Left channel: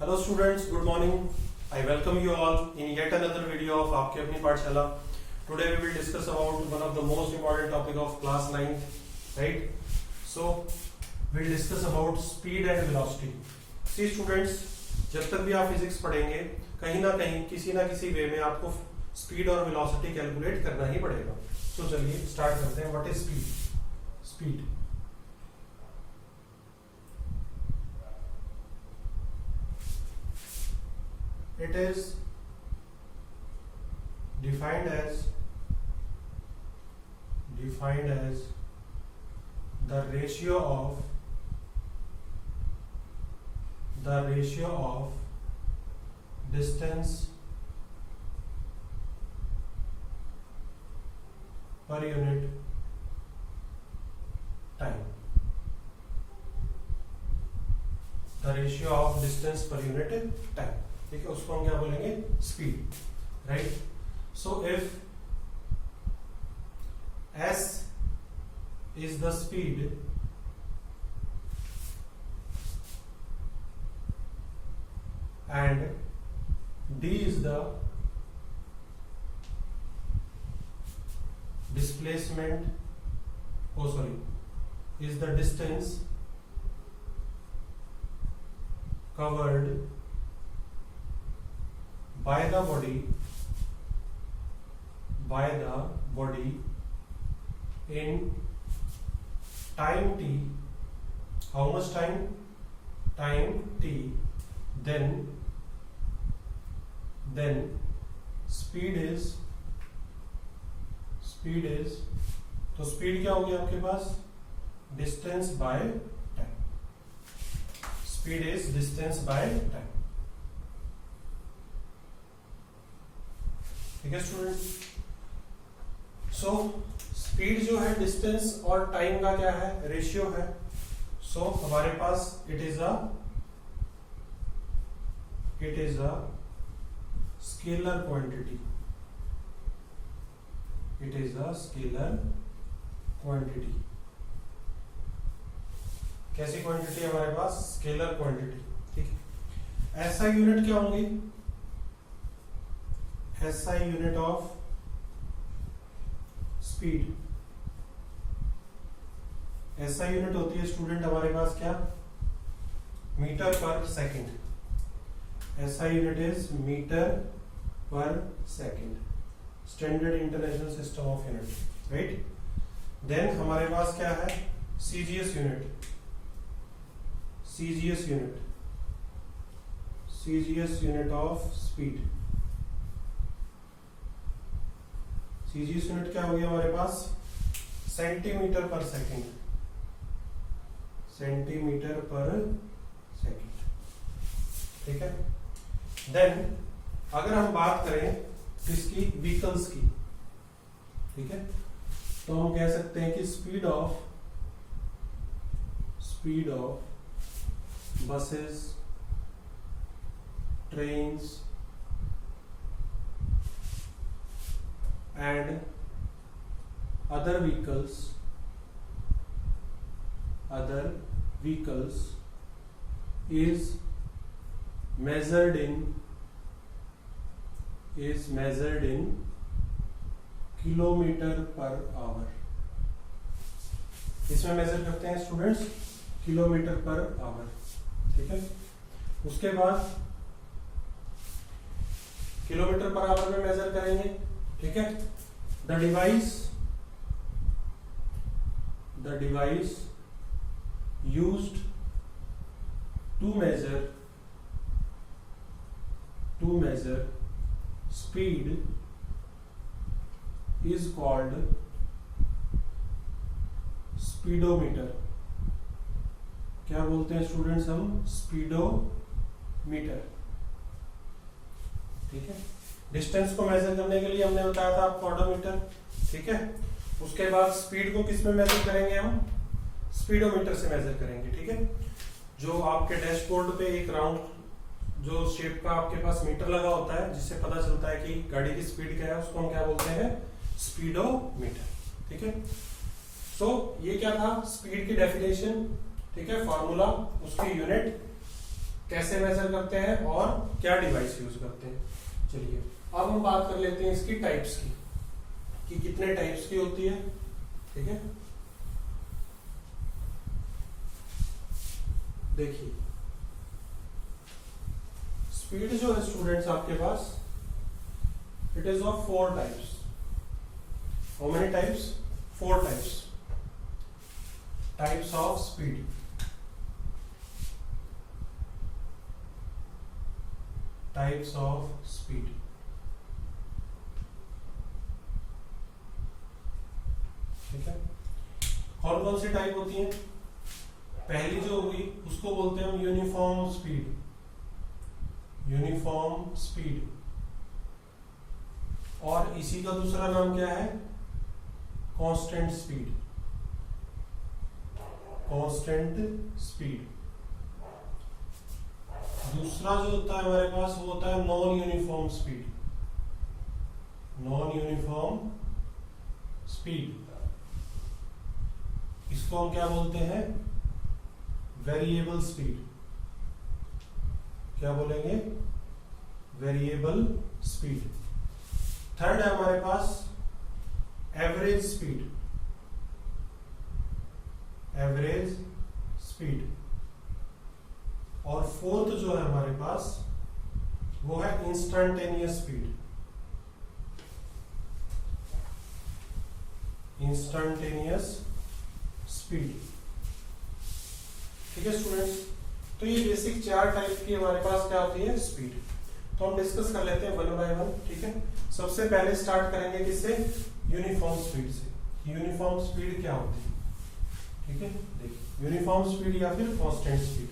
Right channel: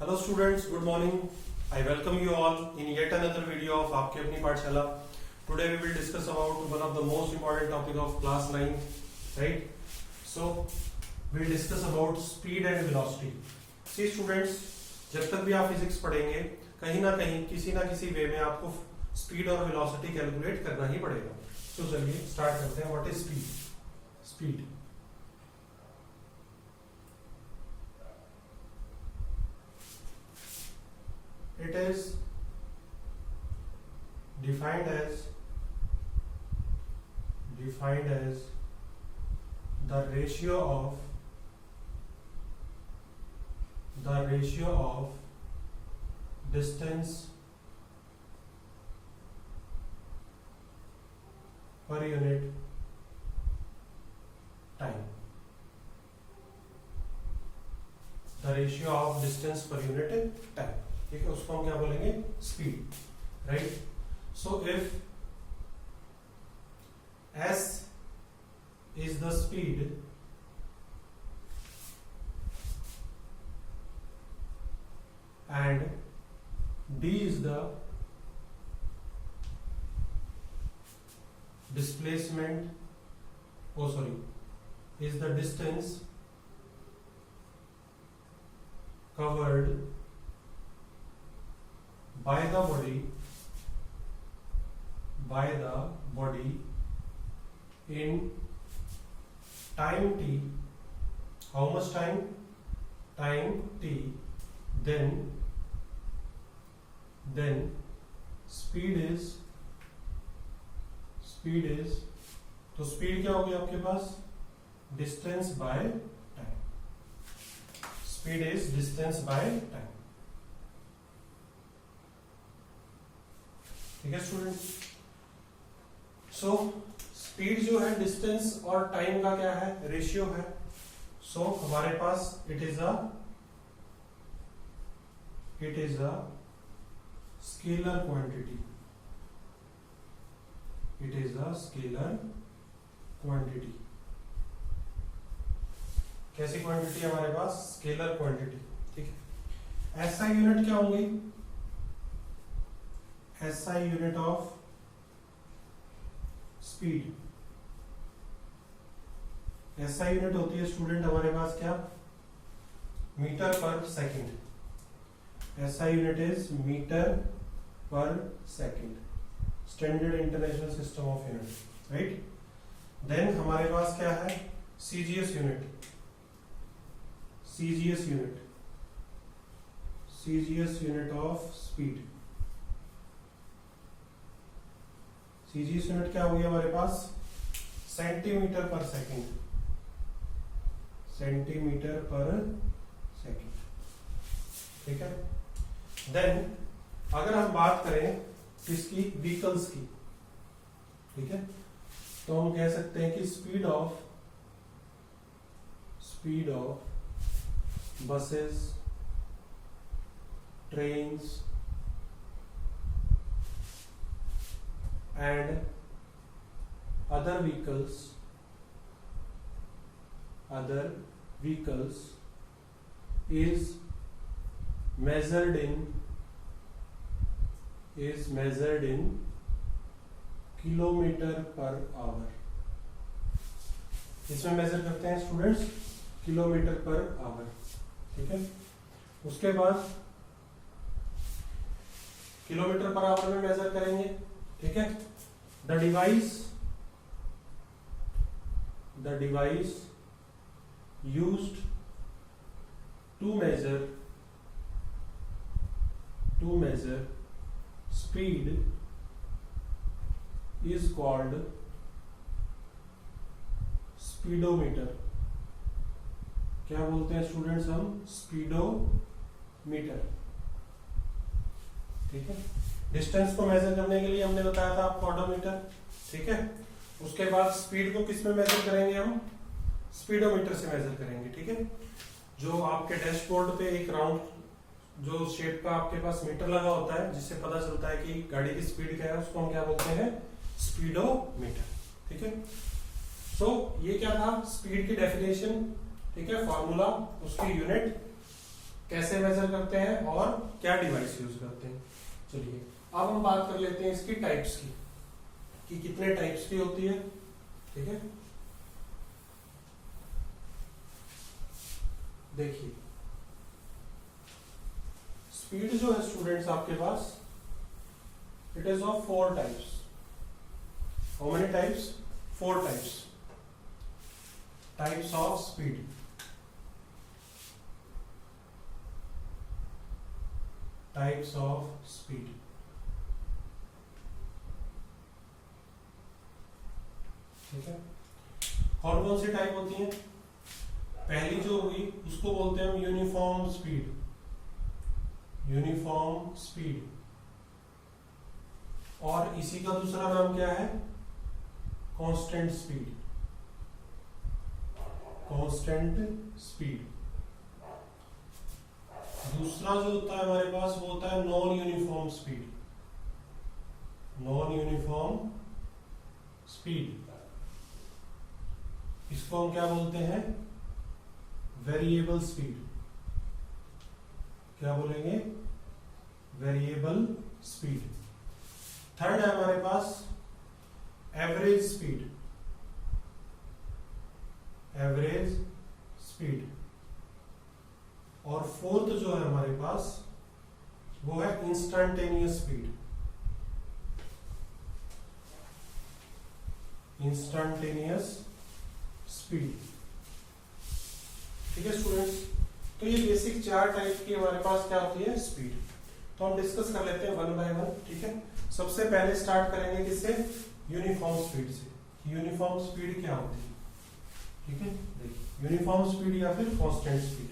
Hello students, good morning. I welcome you all in yet another video of आपकी अपनी पाठशाला. Today we will discuss about one of the most important topic of class 9, right? So we will discuss about speed and velocity. See students, जब तक भी आप physics पढ़ेंगे कहीं ना कहीं किसी ना किसी वे में आपको स्पीड और वेलोसिटी कैलकुलेट करना ही पड़ेगा. तो चलिए स्टार्ट करते हैं. What is speed? Speed it is defined as the ratio of distance per unit time. The ratio of distance per unit time. ठीक है, उसको हम क्या बोलेंगे? Speed, right? So if s is the speed and d is the displacement, is the distance covered by the body in time t. How much time? Time t. Then speed is तो speed क्या होगी आपके पास? Distance by time. Speed is distance by time. ठीक है student. So speed जो है distance और टाइम का क्या है? रेशियो है. सो हमारे पास it is a scalar quantity. It is a scalar quantity. कैसी क्वांटिटी है हमारे पास? Scalar quantity. ठीक है. ऐसा यूनिट क्या होंगी? SI unit of speed. SI unit होती है स्टूडेंट हमारे पास क्या? Metre per second. SI unit is metre per second. Standard international system of unit, right? Then हमारे पास क्या है? CGS unit. CGS unit of speed. CGS unit क्या होगी हमारे पास? Centimetre per second. Centimetre per second. ठीक है. देन अगर हम बात करें किसकी? व्हीकल्स की. ठीक है. तो हम कह सकते हैं कि speed of buses, trains and other vehicles is measured in kilometre per our. इसमें मेजर करते हैं स्टूडेंट्स किलोमीटर पर आवर. ठीक है. उसके बाद किलोमीटर पर आवर में मेजर करेंगे. ठीक है. The device used to measure speed is called speedometer. क्या बोलते हैं स्टूडेंट्स हम? स्पीडोमीटर. ठीक है. डिस्टेंस को मेजर करने के लिए हमने बताया था आपको ऑडोमीटर. ठीक है. उसके बाद स्पीड को किस में मेजर करेंगे? हम स्पीडोमीटर से मेजर करेंगे. ठीक है. जो आपके डैशबोर्ड पे एक राउंड जो शेप का आपके पास मीटर लगा होता है जिससे पता चलता है कि गाड़ी की स्पीड क्या है, उसको हम क्या बोलते हैं? स्पीडोमीटर. ठीक है. ये क्या था? स्पीड की डेफिनेशन. ठीक है. फॉर्मूला, उसकी यूनिट कैसे मेजर करते हैं और क्या डिवाइस यूज करते हैं। चलिए अब हम बात कर लेते हैं इसकी टाइप्स की, कि कितने टाइप्स की होती है। ठीक है, देखिए स्पीड जो है स्टूडेंट्स आपके पास, it is of 4 types. How many types? 4 types. Types of speed. Types of speed. ठीक है, कौन कौन सी टाइप होती है? पहली जो हुई उसको बोलते हैं हम यूनिफॉर्म स्पीड। Uniform speed. और इसी का दूसरा नाम क्या है? Constant speed. Constant speed. दूसरा जो होता है हमारे पास वो होता है non uniform speed. Non uniform speed, इसको हम क्या बोलते हैं? Variable speed. क्या बोलेंगे? Variable speed. थर्ड है हमारे पास एवरेज स्पीड। Average speed. और फोर्थ जो है हमारे पास वो है इंस्टेंटेनियस स्पीड। Instantaneous speed. ठीक है स्टूडेंट्स, तो ये बेसिक 4 टाइप की हमारे पास क्या होती है? स्पीड। तो हम डिस्कस कर लेते हैं 1 बाय 1। ठीक है, सबसे पहले स्टार्ट करेंगे किससे? यूनिफॉर्म स्पीड से। यूनिफॉर्म स्पीड क्या होती है? ठीक है, देखिए यूनिफॉर्म स्पीड या फिर कांस्टेंट स्पीड।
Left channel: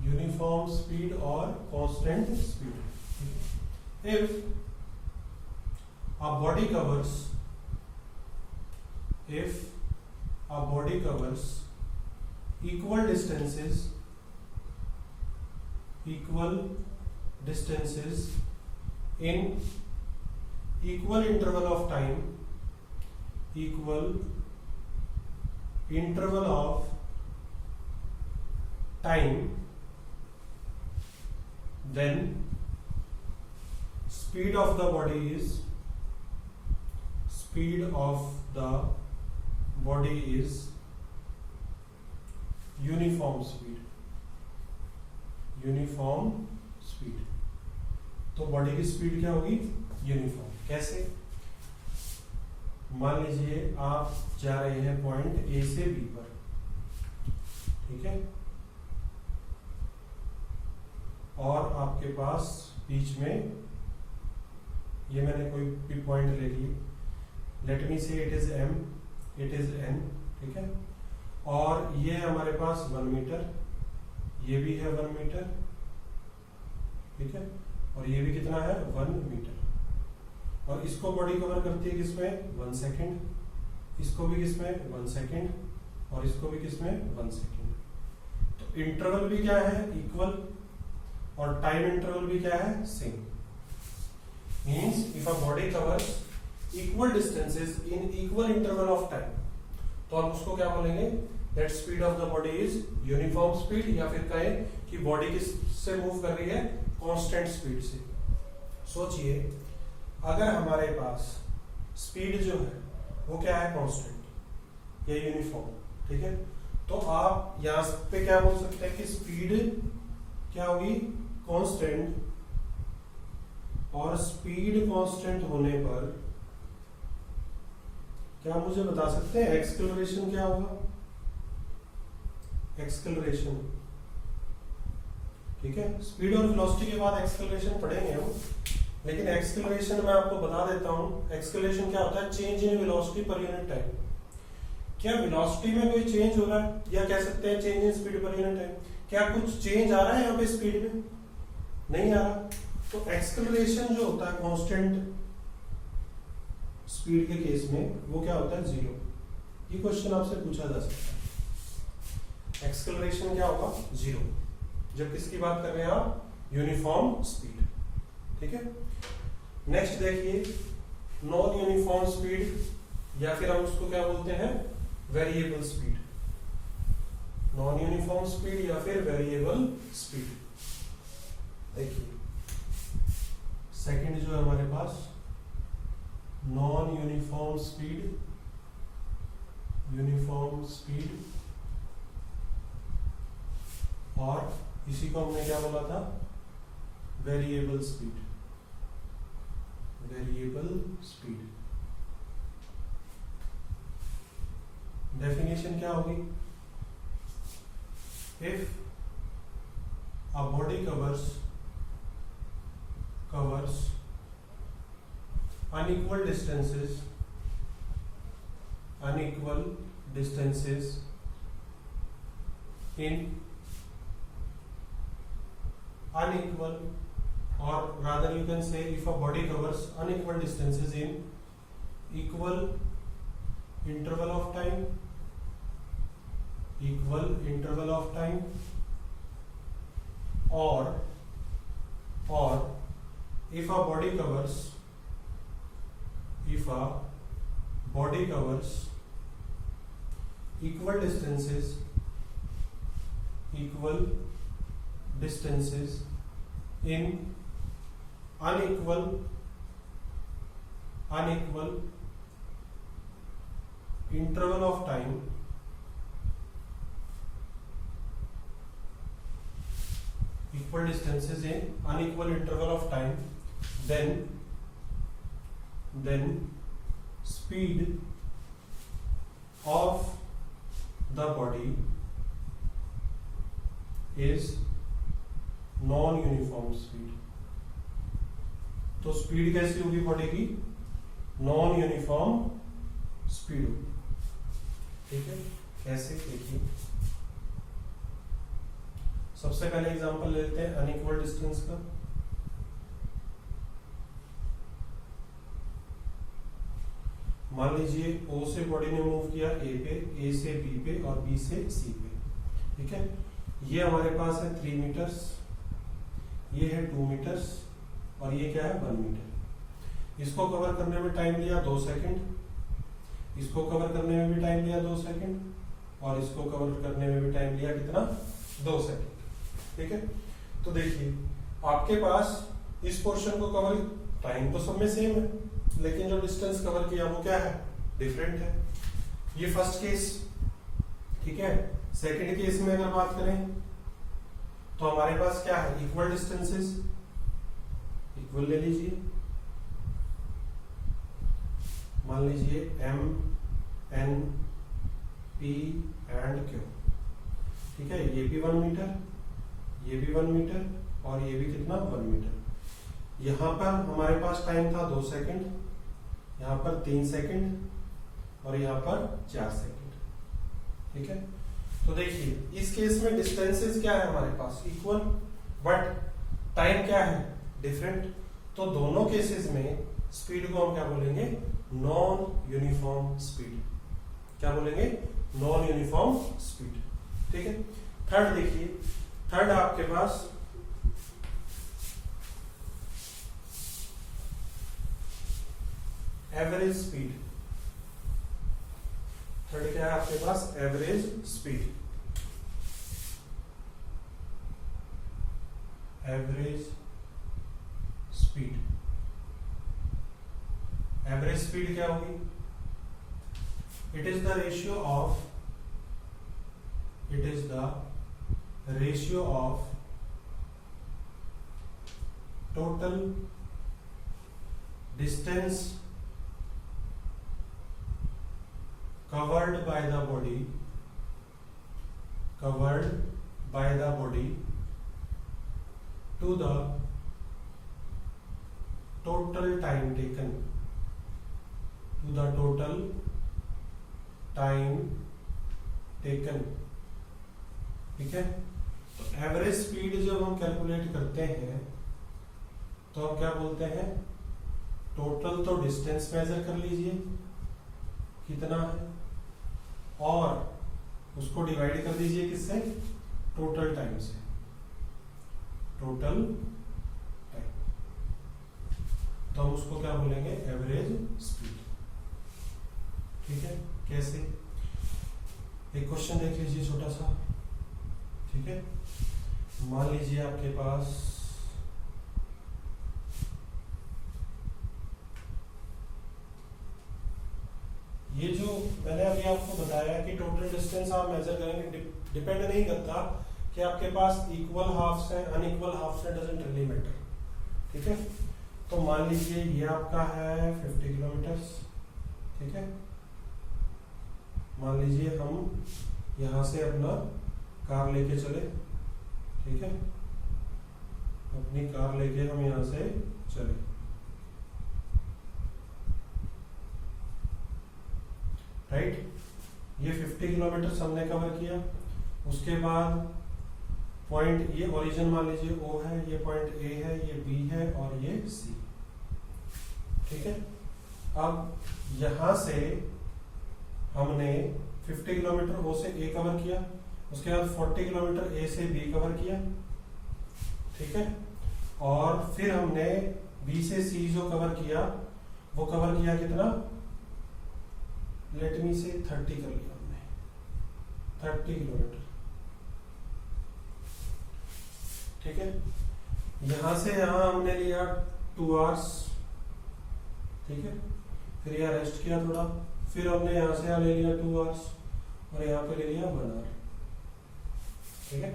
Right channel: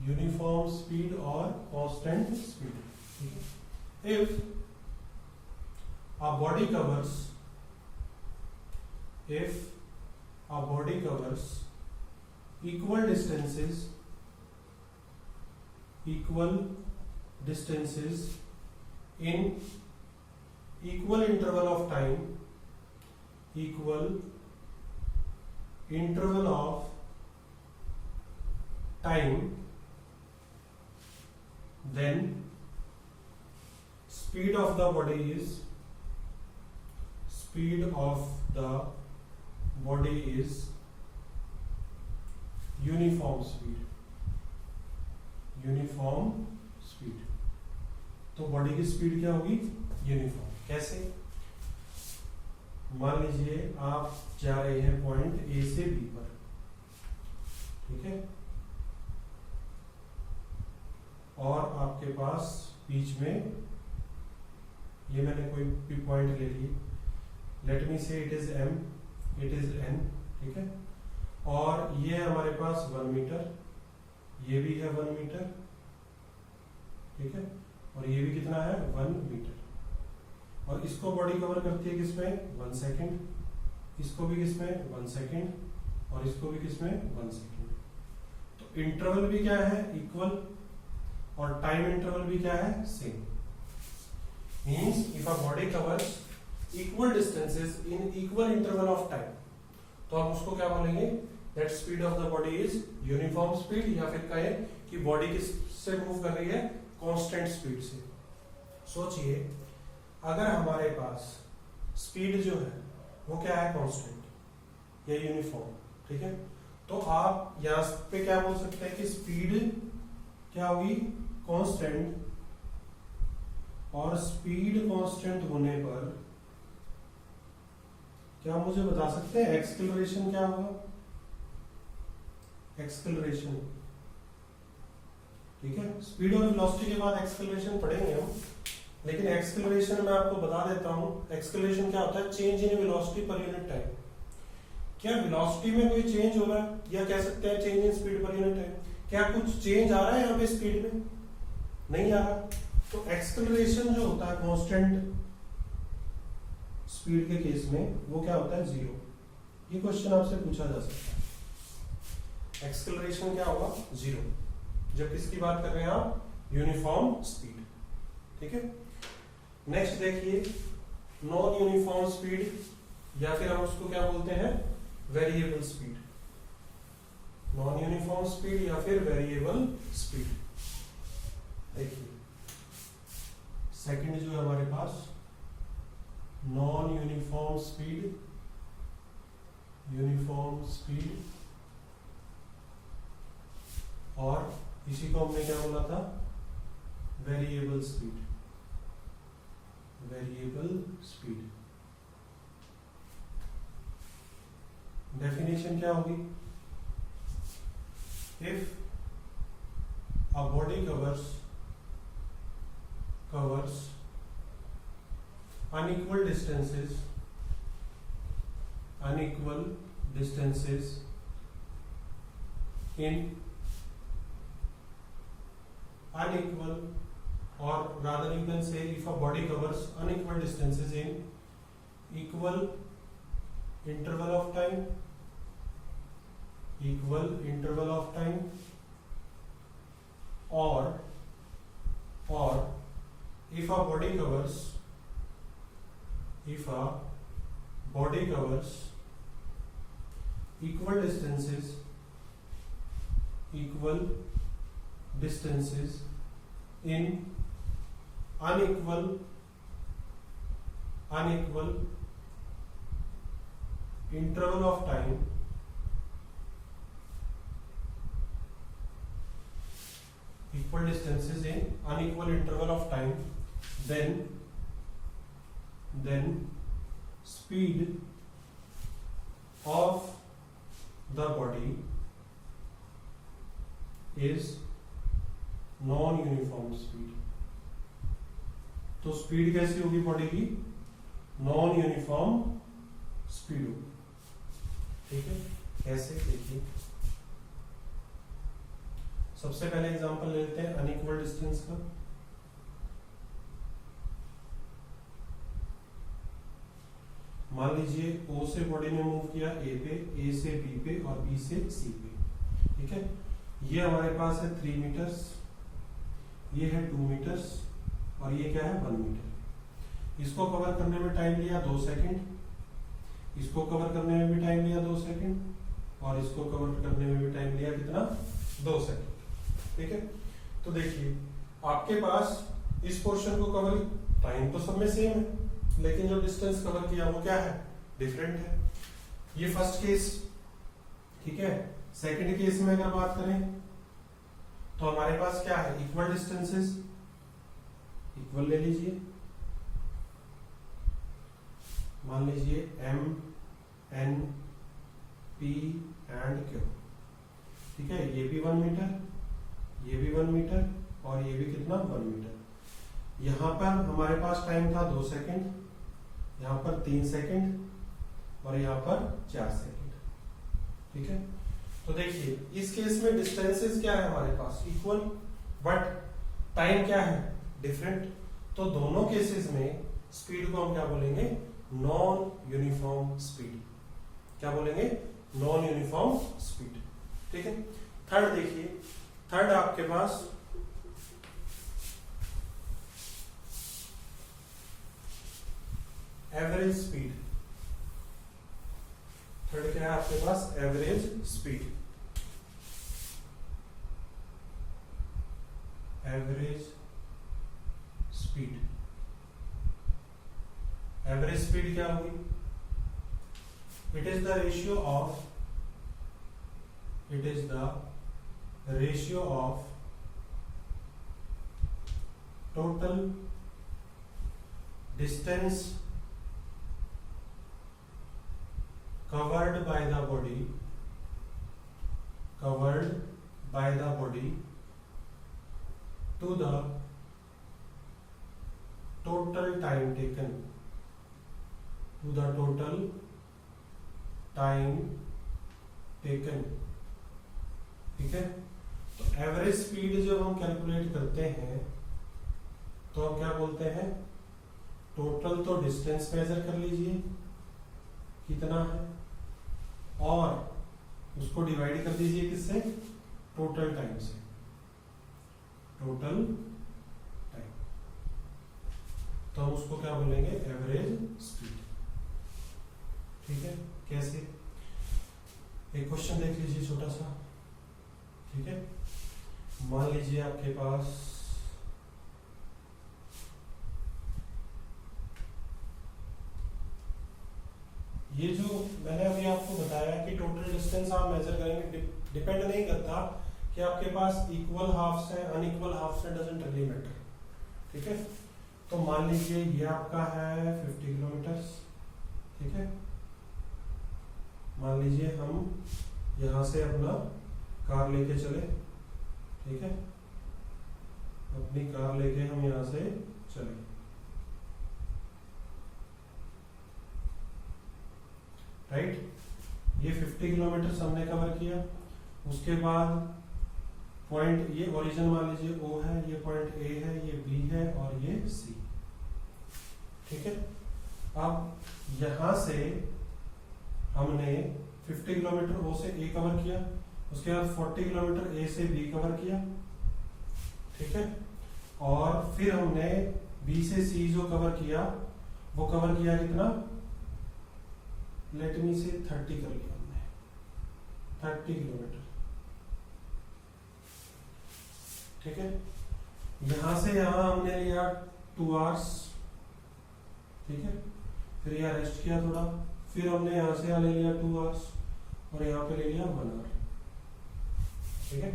यूनिफॉर्म स्पीड और constant speed. If a body covers equal distances in equal interval of time, then speed of the body is uniform speed. Uniform speed, तो बॉडी की स्पीड क्या होगी? Uniform. कैसे? मान लीजिए आप जा रहे हैं पॉइंट ए से बी पर। ठीक है, और आपके पास बीच में ये मैंने कोई भी पॉइंट ले ली, let me say it is M, it is N. ठीक है, और ये है हमारे पास 1 मीटर, ये भी है 1 मीटर। ठीक है, और ये भी कितना है? 1 मीटर। और इसको बॉडी कवर करती है किसमें? 1 सेकेंड। इसको भी किसमें? 1 सेकेंड। और इसको भी किसमें? 1 सेकेंड। तो इंटरवल भी क्या है? इक्वल। और टाइम इंटरवल भी क्या है? Same. Means if a body covers equal distances in equal interval of time, तो हम उसको क्या बोलेंगे? That speed of the body is uniform speed, या फिर कहें कि बॉडी किससे मूव कर रही है? कांस्टेंट स्पीड से। सोचिए अगर हमारे पास स्पीड जो है वो क्या है? कांस्टेंट या यूनिफॉर्म। ठीक है, तो आप यहां पे क्या बोल सकते हैं कि स्पीड क्या होगी? कांस्टेंट। और स्पीड कांस्टेंट होने पर क्या मुझे बता सकते हैं एक्सेलरेशन क्या होगा? एक्सेलरेशन। ठीक है, स्पीड और वेलोसिटी के बाद एक्सेलरेशन पढ़ेंगे हम, लेकिन एक्सेलरेशन मैं आपको बता देता हूं। एक्सेलरेशन क्या होता है? Change in velocity per unit time. क्या वेलोसिटी में कोई चेंज हो रहा है, या कह सकते हैं change in speed per unit time? क्या कुछ चेंज आ रहा है यहाँ पे स्पीड में? नहीं आ रहा। तो एक्सेलरेशन जो होता है कांस्टेंट स्पीड के केस में वो क्या होता है? 0। ये क्वेश्चन आपसे पूछा जा सकता है। एक्सेलरेशन क्या होगा? 0, जब किसकी बात कर रहे हैं आप? Uniform speed. ठीक है, नेक्स्ट देखिए नॉन यूनिफॉर्म स्पीड। या फिर हम उसको क्या बोलते हैं, variable speed, non uniform speed या फिर वेरिएबल स्पीड। देखिए सेकंड जो है हमारे पास non uniform speed, uniform speed, और इसी को हमने क्या बोला था, variable speed, variable speed. Definition क्या होगी, if a body covers unequal distances in unequal, or rather you can say if a body covers unequal distances in equal interval of time, or if a body covers equal distances in unequal interval of time, equal distances in unequal interval of time, then speed of the body is non-uniform speed। तो speed कैसी होगी body की, non uniform speed होगी। ठीक है, कैसे देखिए, सबसे पहले एग्जांपल लेते हैं अनइक्वल डिस्टेंस का। मान लीजिए ओ से बॉडी ने मूव किया ए पे, ए से बी पे और बी से सी पे। ठीक है, ये हमारे पास है 3 मीटर्स, ये है 2 मीटर्स और ये क्या है 1 मीटर। इसको कवर करने में टाइम लिया 2 सेकंड, इसको कवर करने में भी टाइम लिया 2 सेकंड, और इसको कवर करने में भी टाइम लिया कितना, 2 सेकंड। ठीक है, तो देखिए आपके पास इस पोर्शन को कवर, टाइम तो सब में सेम है, लेकिन जो डिस्टेंस कवर किया वो क्या है, डिफरेंट है। ये फर्स्ट केस। ठीक है, सेकंड केस में अगर बात करें तो हमारे पास क्या है, इक्वल डिस्टेंसेस, इक्वल ले लीजिए, मान लीजिए M N P and Q। ठीक है, ये भी 1 मीटर, ये भी 1 मीटर और ये भी कितना 1 मीटर। यहां पर हमारे पास टाइम था 2 सेकंड, यहां पर 3 सेकंड और यहां पर 4 सेकंड। ठीक है, तो देखिए इस केस में डिस्टेंसेस क्या है हमारे पास, इक्वल, बट टाइम क्या है, डिफरेंट। तो दोनों केसेस में स्पीड को हम क्या बोलेंगे, नॉन यूनिफॉर्म स्पीड। क्या बोलेंगे, नॉन यूनिफॉर्म स्पीड। ठीक है, थर्ड देखिए, थर्ड आपके पास एवरेज स्पीड। थर्ड क्या है आपके पास, average speed. Average speed, average speed क्या होगी, it is the ratio of total distance covered by the body to the total time taken, ठीक है, तो एवरेज स्पीड जब हम कैलकुलेट करते हैं तो हम क्या बोलते हैं, टोटल तो डिस्टेंस मेजर कर लीजिए कितना है, और उसको डिवाइड कर दीजिए किससे, टोटल टाइम से, टोटल टाइम। तो हम उसको क्या बोलेंगे, एवरेज स्पीड। ठीक है, कैसे? एक क्वेश्चन देख लीजिए छोटा सा, ठीक है। मान लीजिए आपके पास ये जो मैंने अभी आपको बताया कि टोटल डिस्टेंस आप मेजर करेंगे, डिपेंड नहीं करता कि आपके पास इक्वल हाफ्स है अनइक्वल हाफ्स है, डजंट रियली मैटर, ठीक है। तो मान लीजिए ये आपका है 50 किलोमीटर, ठीक है। मान लीजिए हम यहां से अपना कार लेके चले, ठीक है, अपनी कार लेके हम यहां से चले, राइट। ये 50 किलोमीटर हमने कवर किया। उसके बाद पॉइंट, ये ओरिजिन मान लीजिए O है, ये पॉइंट A है, ये B है और ये C, ठीक है। अब यहां से हमने 50 किलोमीटर O से A कवर किया, उसके बाद 40 किलोमीटर A से B कवर किया, ठीक है। और फिर हमने B से C जो कवर किया वो कवर किया कितना, लेट मी से 30 कर लिया हमने, 30 किलोमीटर, ठीक है। यहां से यहां हमने लिया 2 आवर्स, ठीक है। फिर यहाँ रेस्ट किया थोड़ा, फिर हमने यहां से यहाँ ले लिया 2 आवर्स और यहाँ पे ले लिया 1 आवर, ठीक है।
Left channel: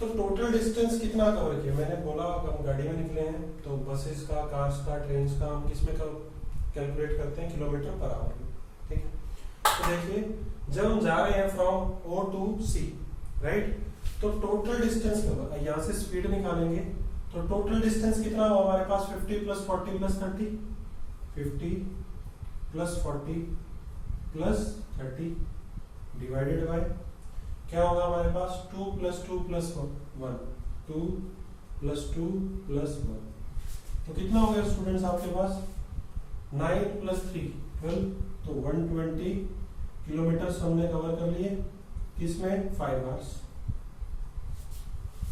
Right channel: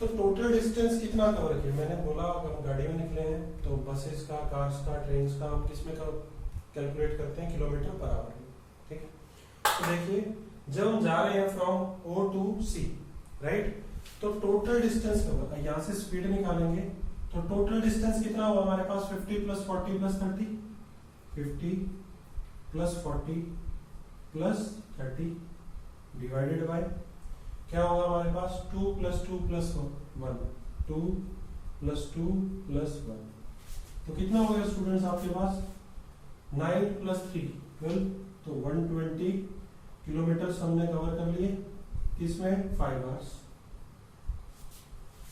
तो टोटल डिस्टेंस कितना कवर किया, मैंने बोला हम गाड़ी में निकले हैं तो बसेस का, कार्स का, ट्रेन का हम किसमें कैलकुलेट करते हैं, किलोमीटर पर आवर में, ठीक है। तो देखिए जब हम जा रहे हैं from O to C, right, तो टोटल डिस्टेंस कवर, यहां से स्पीड निकालेंगे तो टोटल डिस्टेंस कितना हुआ हमारे पास, 50 plus 40 plus 30, 50 plus 40 plus 30 divided by क्या होगा हमारे पास, 2 प्लस 2 प्लस 1, 2 प्लस 2 प्लस 1, तो कितना हो गया स्टूडेंट्स आपके पास, 9 प्लस 3 12, तो 120 किलोमीटर हमने कवर कर लिए, किसमें, 5 आवर्स,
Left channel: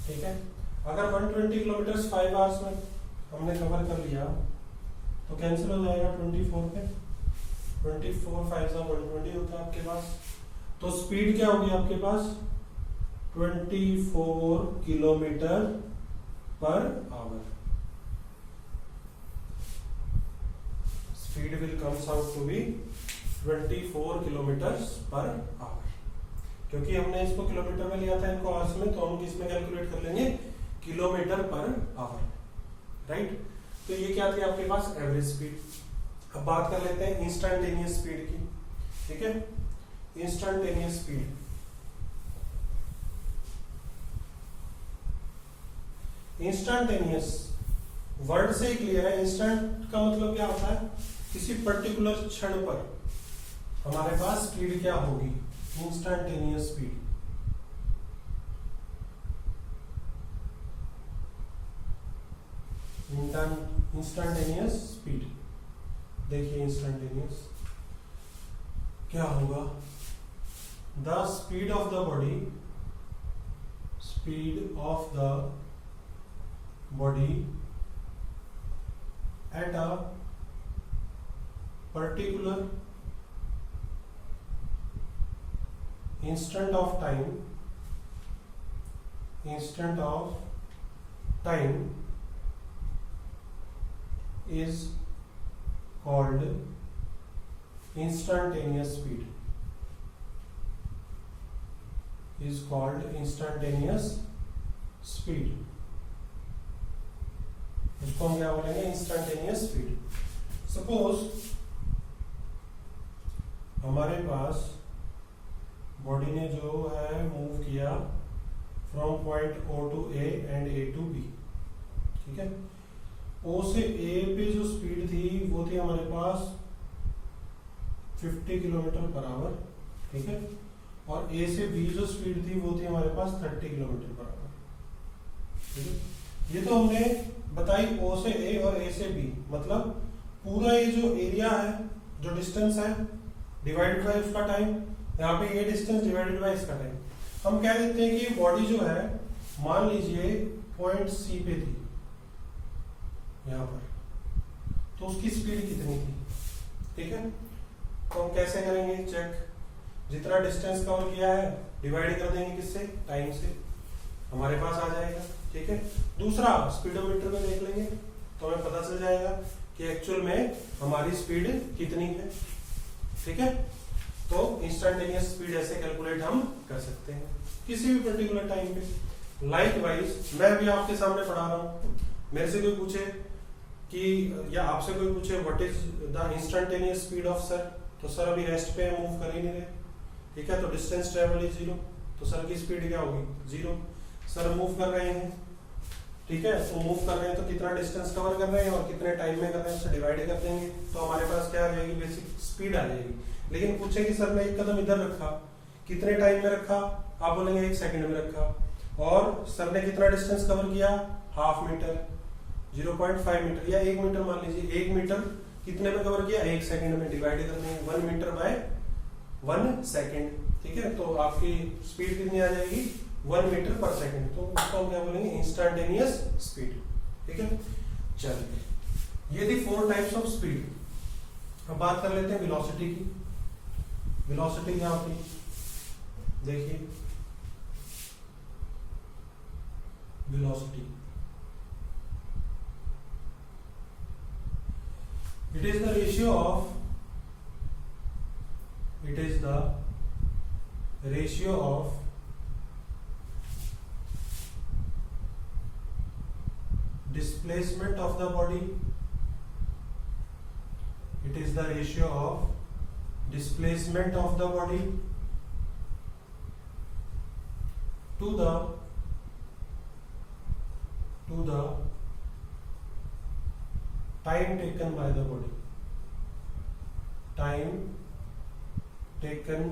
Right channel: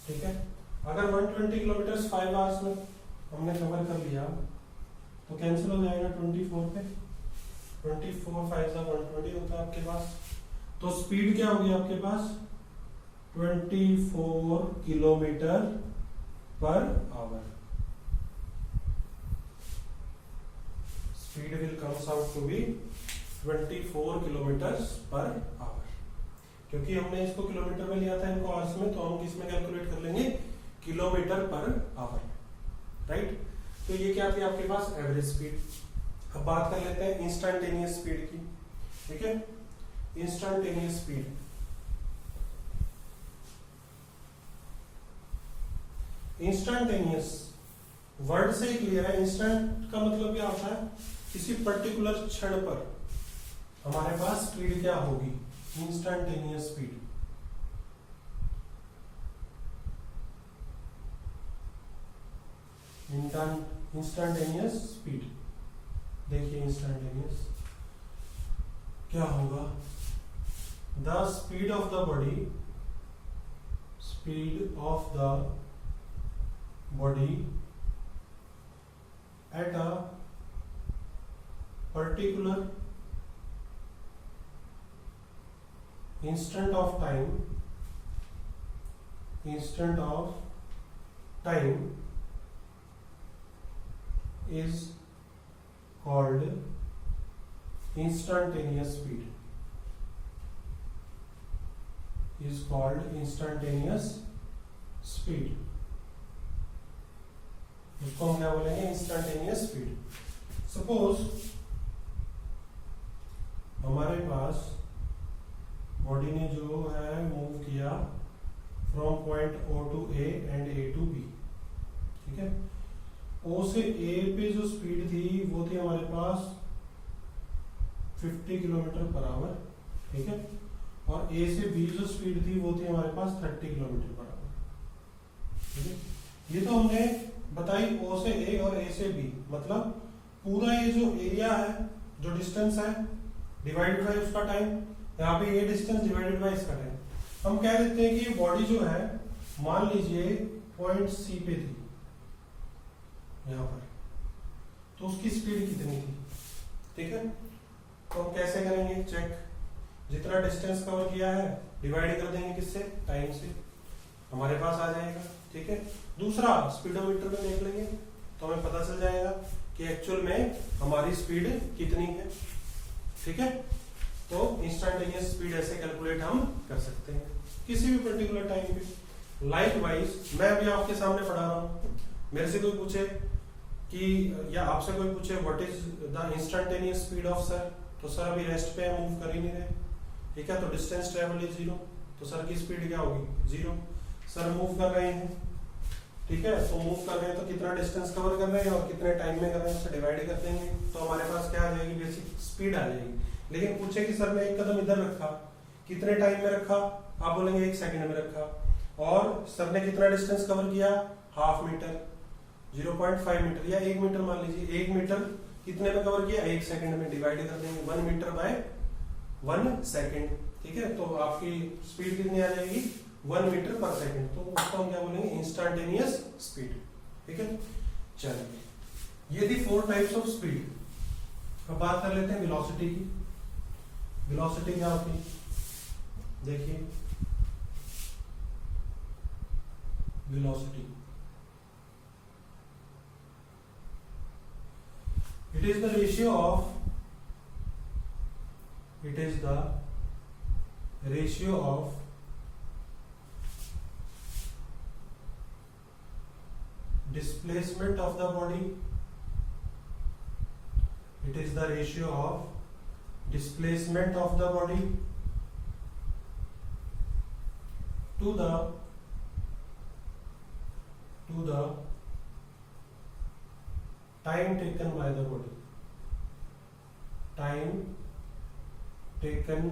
ठीक है। अगर 120 किलोमीटर 5 आवर्स में हमने कवर कर लिया तो कैंसिल हो जाएगा 24 पे, 24 5 से 120 होता है आपके पास। तो स्पीड क्या होगी आपके पास, 24 kilometre per hour, speed will comes out to be 24 kilometre per hour, क्योंकि हमने इसको किलोमीटर में लिया था इनको आवर्स में, तो हम किसमें कैलकुलेट कर लेंगे, किलोमीटर पर आवर, राइट। तो ये क्या थी आपके पास, एवरेज स्पीड। अब बात कर लेते हैं इंस्टेंटेनियस स्पीड की, ठीक है। इंस्टेंटेनियस स्पीड, इंस्टेंटेनियस वर्ड से ही क्लियर है, इंस्टेंट का मतलब क्या होता है, किसी पर्टिकुलर क्षण पर हमारे पास स्पीड क्या होगी, इंस्टेंटेनियस स्पीड। इंस्टेंटेनियस स्पीड, देखिए इंस्टेंटेनियस क्या होगा, the speed of the body, speed of the body at a particular instant of time is called instantaneous speed, is called instantaneous speed, उसको हम क्या बोलेंगे, इंस्टेंटेनियस स्पीड। सपोज हमारे पास body ने जो है मूव किया from point O to A and A to B, ठीक है। O से A पे जो स्पीड थी वो थी हमारे पास 50 किलोमीटर पर आवर, ठीक है। और A से B जो स्पीड थी वो थी हमारे पास 30 किलोमीटर पर आवर, ठीक है। ये तो हमने बताई O से A और A से B, मतलब पूरा ये जो एरिया है, जो डिस्टेंस है डिवाइडेड बाय उसका टाइम, यहाँ पे ये डिस्टेंस डिवाइडेड बाय इसका टाइम। हम कह देते हैं कि ये बॉडी जो है मान लीजिए पॉइंट C पे थी यहाँ पर, तो उसकी स्पीड कितनी थी, ठीक है। तो हम कैसे करेंगे चेक? जितना डिस्टेंस कवर किया है डिवाइड कर देंगे किससे? टाइम से, हमारे पास आ जाएगा। ठीक है, दूसरा स्पीडोमीटर में देख लेंगे तो हमें पता चल जाएगा कि एक्चुअल में हमारी स्पीड कितनी है। ठीक है, तो इंस्टेंटेनियस स्पीड ऐसे कैलकुलेट हम कर सकते हैं किसी भी पर्टिकुलर टाइम पे। लाइकवाइज मैं अभी आपके सामने पढ़ा रहा हूं, मेरे से कोई पूछे कि या आपसे कोई पूछे what is the instantaneous speed of sir, तो सर अभी रेस्ट पे मूव कर ही नहीं रहे। ठीक है, तो डिस्टेंस ट्रेवल इज 0, तो सर की स्पीड क्या होगी? 0। सर मूव कर रहे हैं, ठीक है, तो मूव कर रहे हैं तो कितना डिस्टेंस कवर कर रहे हैं और कितने टाइम में कर रहे हैं उससे डिवाइड कर देंगे तो हमारे पास क्या आ जाएगी? बेसिक स्पीड आ जाएगी। लेकिन पूछे कि सर ने एक कदम इधर रखा, कितने टाइम में रखा? आप बोलेंगे 1 सेकंड में रखा। और सर ने कितना डिस्टेंस कवर किया? हाफ मीटर, 0.5 मीटर या 1 मीटर मान लीजिए। 1 मीटर कितने में कवर किया? 1 सेकंड में। डिवाइड कर देंगे 1 मीटर बाय 1 सेकंड। ठीक है, तो आपकी स्पीड कितनी आ जाएगी? 1 मीटर पर सेकंड। तो उसको हम क्या बोलेंगे? Instantaneous speed. ठीक है, चलिए ये थी 4 टाइप्स ऑफ स्पीड। अब बात कर लेते हैं वेलोसिटी की। वेलोसिटी क्या होती है? देखिए velocity it is the ratio of displacement of the body. It is the ratio of displacement of the body to the time taken by the body. Time taken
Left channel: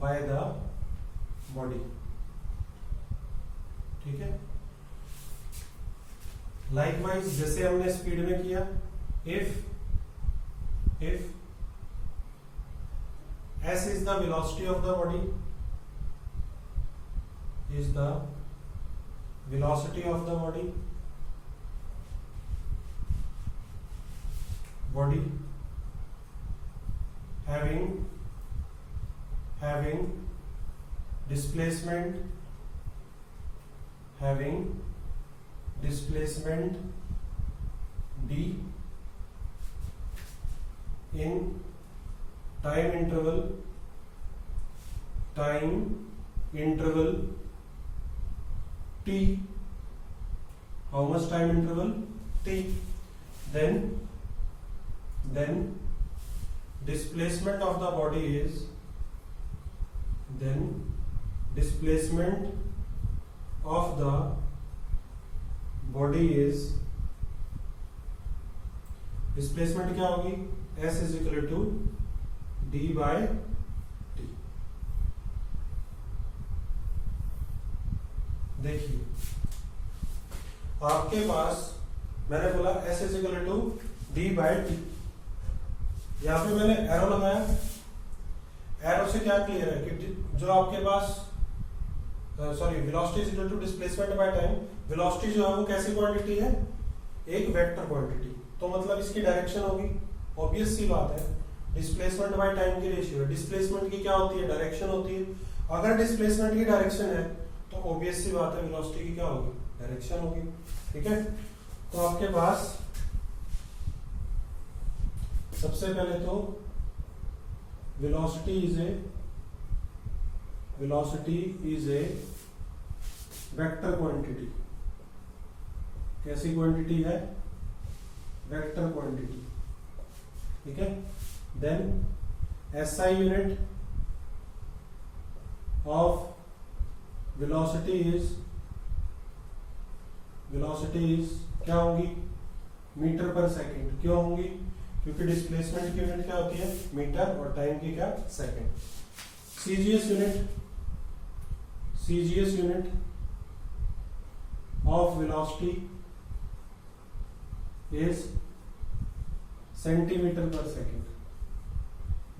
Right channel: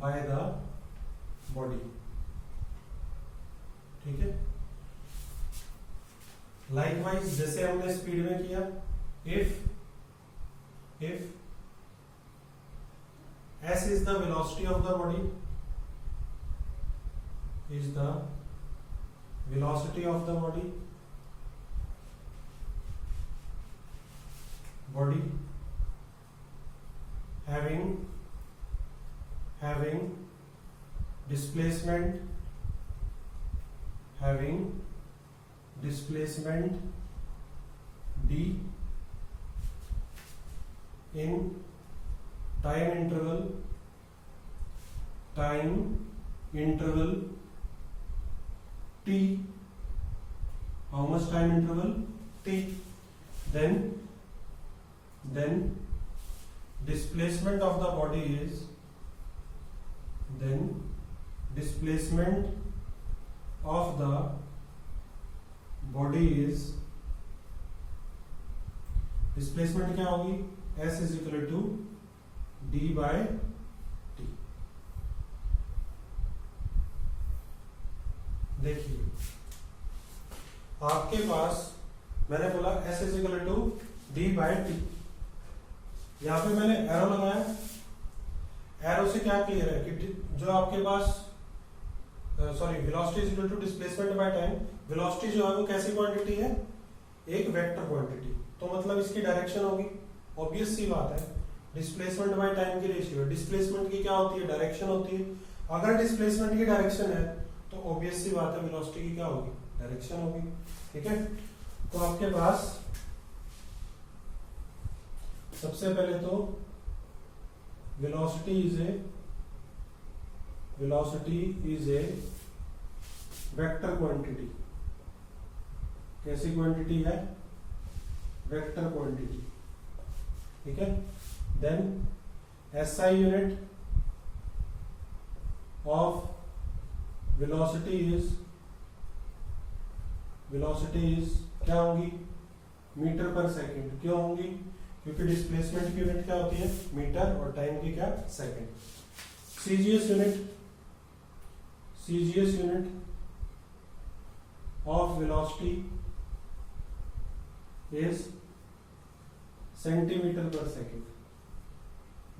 by the body. ठीक है, likewise जैसे हमने speed में किया, if s is the velocity of the body, is the velocity of the body having displacement d in time interval t. How much time interval? T. Then displacement of the body is displacement क्या होगी? s is equal to d by t. देखिए आपके पास मैंने बोला s is equal to d by t, यहां पे मैंने arrow लगाया। एरो से क्या क्लियर है कि जो आपके पास velocity is equal to displacement by time. Velocity जो है वो कैसी क्वांटिटी है? एक वेक्टर क्वांटिटी, तो मतलब इसकी डायरेक्शन होगी। ऑब्वियस सी बात है, डिस्प्लेसमेंट बाय टाइम की रेशियो। डिस्प्लेसमेंट की क्या होती है? डायरेक्शन होती है। अगर डिस्प्लेसमेंट की डायरेक्शन है तो ऑब्वियस सी बात है वेलोसिटी की क्या होगी? डायरेक्शन होगी। ठीक है, तो आपके पास सबसे पहले तो velocity is a vector quantity. कैसी क्वांटिटी है? Vector quantity. ठीक है, then SI unit of velocity is क्या होंगी? Metre per second. क्यों होंगी? क्योंकि डिस्प्लेसमेंट की यूनिट क्या होती है? मीटर, और टाइम की क्या? Second. CGS unit of velocity is centimetre per second.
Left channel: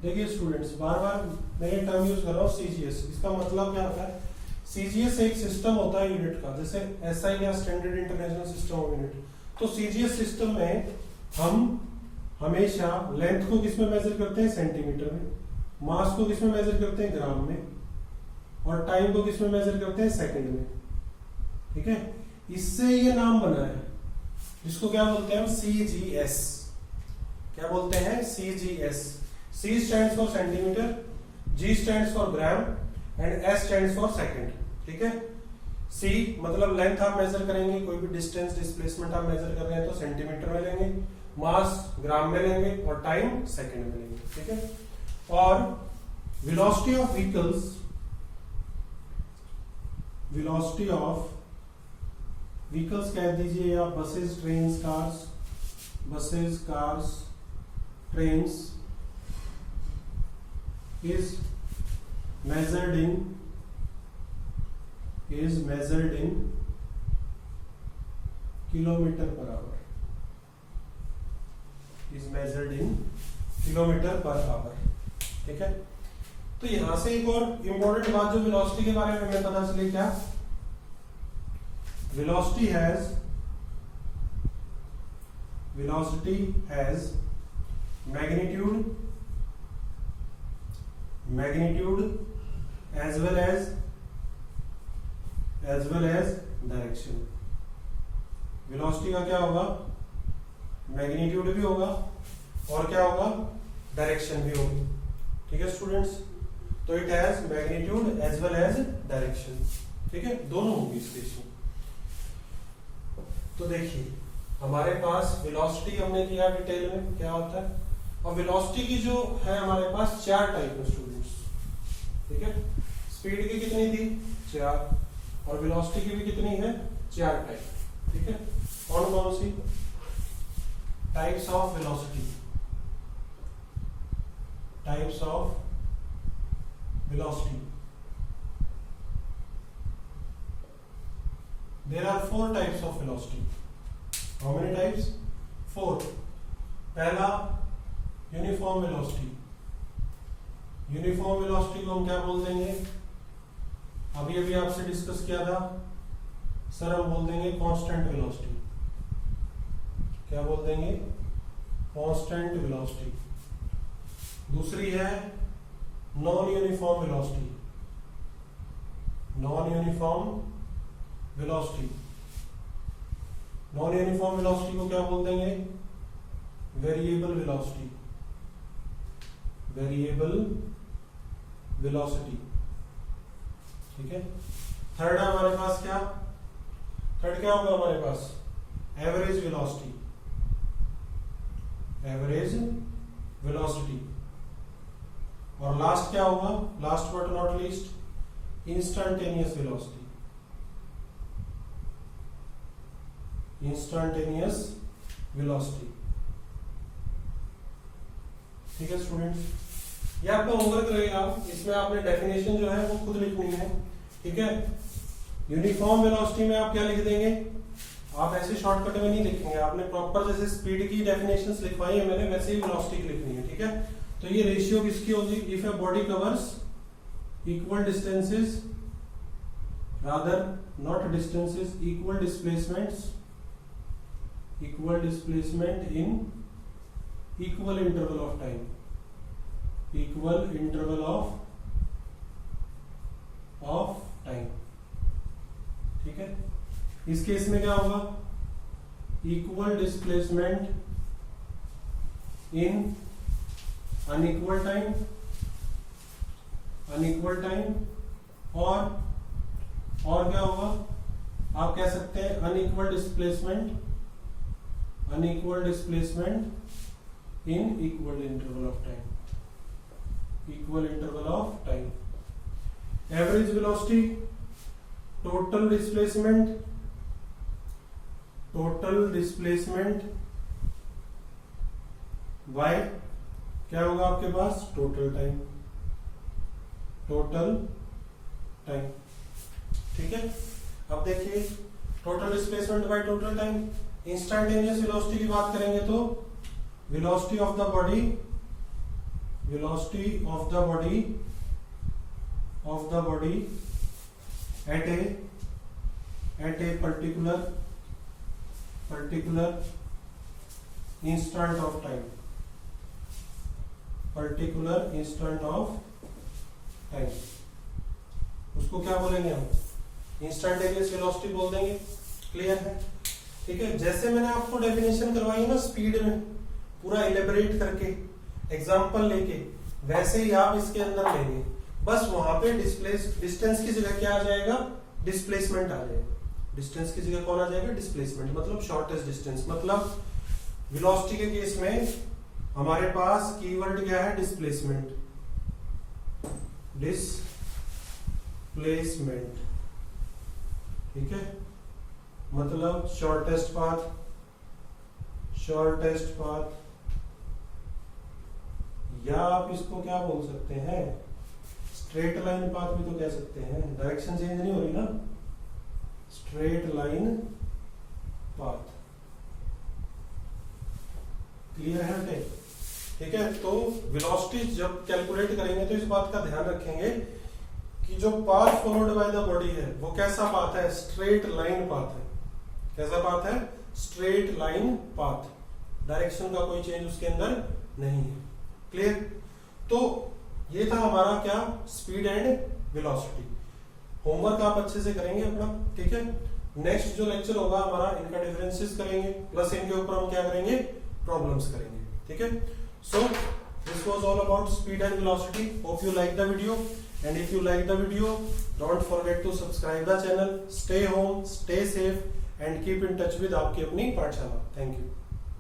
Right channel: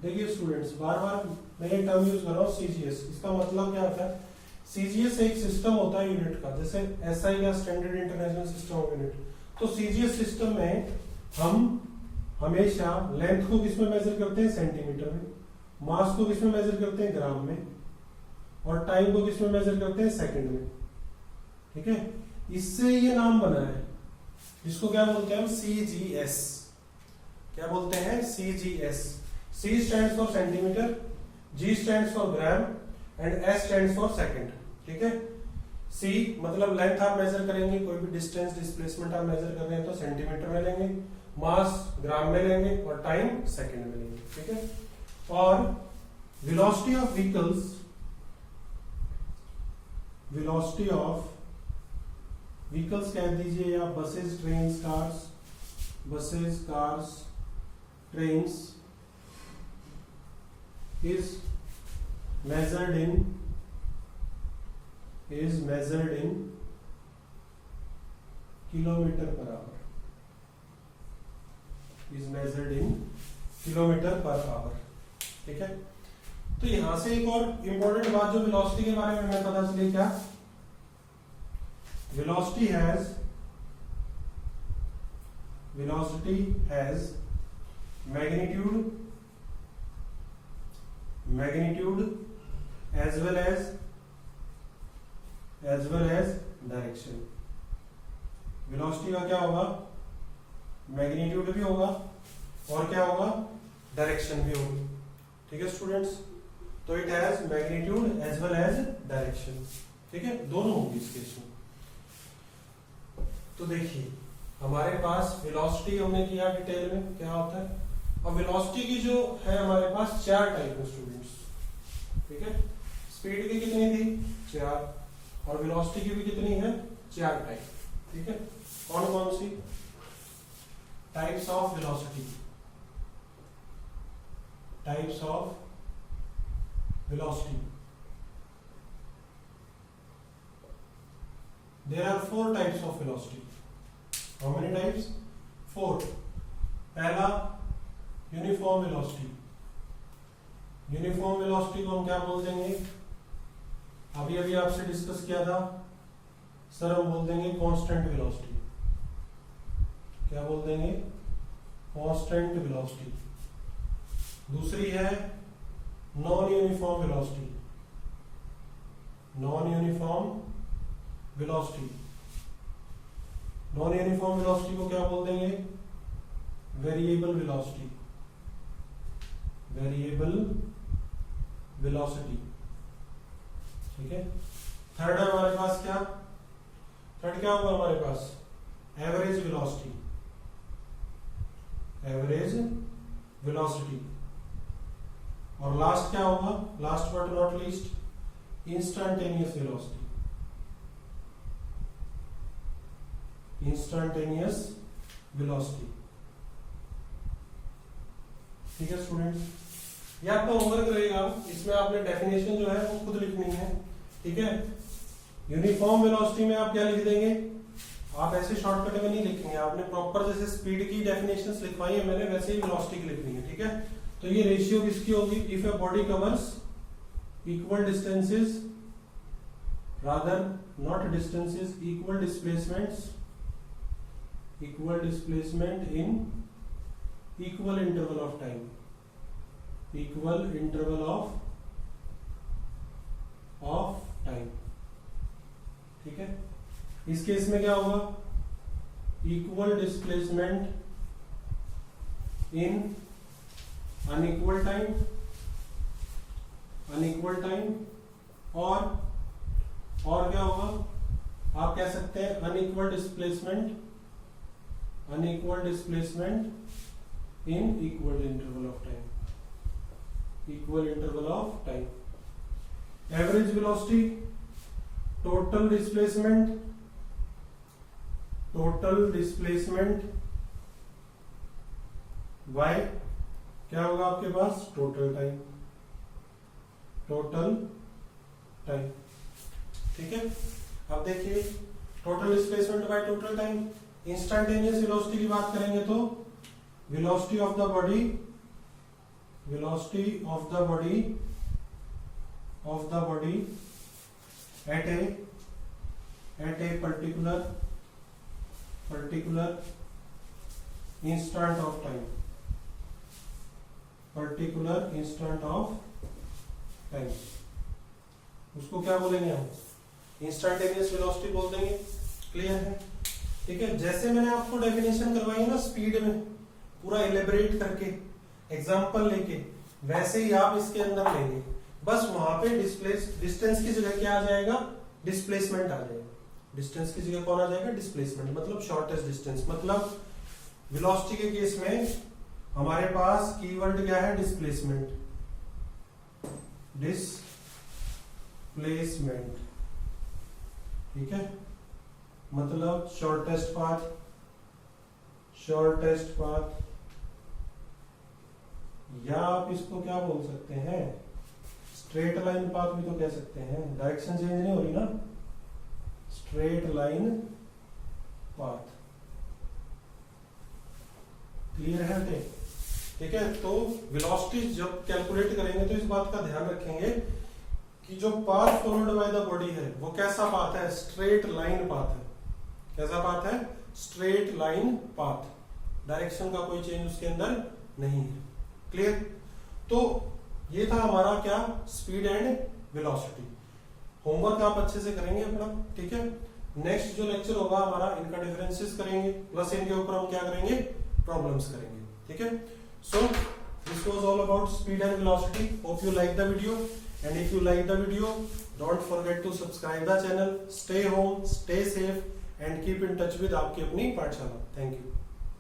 देखिए स्टूडेंट्स, बार बार मैं ये टर्म यूज कर रहा हूँ CGS। इसका मतलब क्या होता है? CGS एक सिस्टम होता है यूनिट का, जैसे SI या standard international system of unit. तो CGS सिस्टम में हमेशा लेंथ को किसमें मेजर करते हैं, सेंटीमीटर में, मास को किसमें मेजर करते हैं, ग्राम में, और टाइम को किसमें मेजर करते हैं, सेकंड में। ठीक है, इससे ये नाम बना है जिसको क्या बोलते हैं हम, CGS। क्या बोलते हैं, CGS। C stands for centimetre, G stands for gram and S stands for second. ठीक है, C मतलब लेंथ आप मेजर करेंगे, कोई भी डिस्टेंस डिस्प्लेसमेंट आप मेजर कर रहे हैं तो सेंटीमीटर में लेंगे, मास ग्राम में लेंगे और टाइम सेकंड में लेंगे। ठीक है, और velocity of vehicles, velocity of vehicles कह दीजिए या buses, train, cars, buses, cars, trains is measured in kilometer per hour, is measured in kilometer per hour। ठीक है, तो यहां से एक और इंपॉर्टेंट बात जो वेलोसिटी के बारे में हमें पता चली, क्या, velocity has magnitude as well as direction। Velocity का क्या होगा, मैग्नीट्यूड भी होगा और क्या होगा, डायरेक्शन भी होगी। ठीक है स्टूडेंट्स, तो it has magnitude as well as direction. ठीक है, दोनों होंगी इस केस में। तो देखिए हमारे पास वेलोसिटी हमने किया डिटेल में क्या होता है, और वेलोसिटी की जो है हमारे पास 4 टाइप है स्टूडेंट्स। ठीक है, स्पीड की कितनी थी, 4, और वेलोसिटी की भी कितनी है, 4 टाइप। ठीक है, कौन कौन सी types of velocity, types of velocity, there are 4 types of velocity. How many types, 4। पहला यूनिफॉर्म वेलोसिटी, यूनिफॉर्म वेलोसिटी को हम क्या बोल देंगे, अभी अभी आपसे डिस्कस किया था सर, हम बोल देंगे कांस्टेंट वेलोसिटी। क्या बोल देंगे, कांस्टेंट वेलोसिटी। दूसरी है non uniform velocity, non uniform velocity. Non uniform velocity को क्या बोल देंगे, वेरिएबल वेलोसिटी, वेरिएबल वेलोसिटी। ठीक है, थर्ड है हमारे पास क्या, थर्ड क्या होगा हमारे पास, एवरेज वेलोसिटी, एवरेज वेलोसिटी। और लास्ट क्या होगा, last but not least, instantaneous velocity, instantaneous velocity. ठीक है स्टूडेंट्स, ये आपका होमवर्क रहेगा, इसमें आपने डेफिनेशन जो है वो खुद लिखनी है। ठीक है, यूनिफॉर्म वेलोसिटी में आप क्या लिख देंगे, आप ऐसे शॉर्टकट में नहीं लिखेंगे, आपने प्रॉपर जैसे स्पीड की डेफिनेशंस लिखवाई है मैंने, वैसे ही वेलोसिटी की लिखनी है। ठीक है, तो ये रेशियो किसकी होगी, if a body covers equal distances, rather not distances, equal displacement in equal interval of time, equal interval of time. ठीक है, इस केस में क्या होगा, equal displacement in unequal time, और क्या होगा, आप कह सकते हैं unequal displacement in equal interval of time, equal interval of time. Average velocity, total displacement bye क्या होगा आपके पास, टोटल टाइम। ठीक है, अब देखिए total displacement by total time. Instantaneous velocity की बात करेंगे तो velocity of the body at a particular instant of time, particular instant of time, उसको क्या बोलेंगे हम, इंस्टेंटेनियस वेलोसिटी बोल देंगे। क्लियर है? ठीक है, जैसे मैंने आपको डेफिनेशन करवाई है ना स्पीड में, पूरा एलेबरेट करके एग्जांपल लेके, वैसे ही आप इसके अंदर लेंगे, बस वहां पे डिस्टेंस की जगह क्या आ जाएगा, डिस्प्लेसमेंट आ जाएगा। डिस्टेंस की जगह कौन आ जाएगा, डिस्प्लेसमेंट, मतलब शॉर्टेस्ट डिस्टेंस। मतलब वेलोसिटी के केस में हमारे पास कीवर्ड क्या है, डिस्प्लेसमेंट, डिस्प्लेसमेंट। ठीक है, मतलब शॉर्टेस्ट पाथ, या आप इसको क्या बोल सकते हैं, स्ट्रेट लाइन पाथ भी तो कह सकते हैं, डायरेक्शन चेंज नहीं हो रही ना, स्ट्रेट लाइन पाथ। क्लियर है बेटे? ठीक है, तो वेलोसिटी जब कैलकुलेट करेंगे तो इस बात का ध्यान रखेंगे कि जो path followed by the body है वो कैसा पाथ है, स्ट्रेट लाइन पाथ है। कैसा पाथ है, स्ट्रेट लाइन पाथ, डायरेक्शन का कोई चेंज उसके अंदर नहीं है। क्लियर? तो ये था हमारा क्या, स्पीड एंड वेलोसिटी। होमवर्क आप अच्छे से करेंगे अपना। ठीक है, नेक्स्ट जो लेक्चर होगा हमारा, इनका डिफरेंसेस करेंगे, प्लस इनके ऊपर हम क्या करेंगे, प्रॉब्लम्स करेंगे। ठीक है, so this was all about speed and velocity. Hope you like the video, and if you like the video, don't forget to subscribe the channel. Stay home, stay safe and keep in touch with आपकी अपनी पाठशाला। Thank you.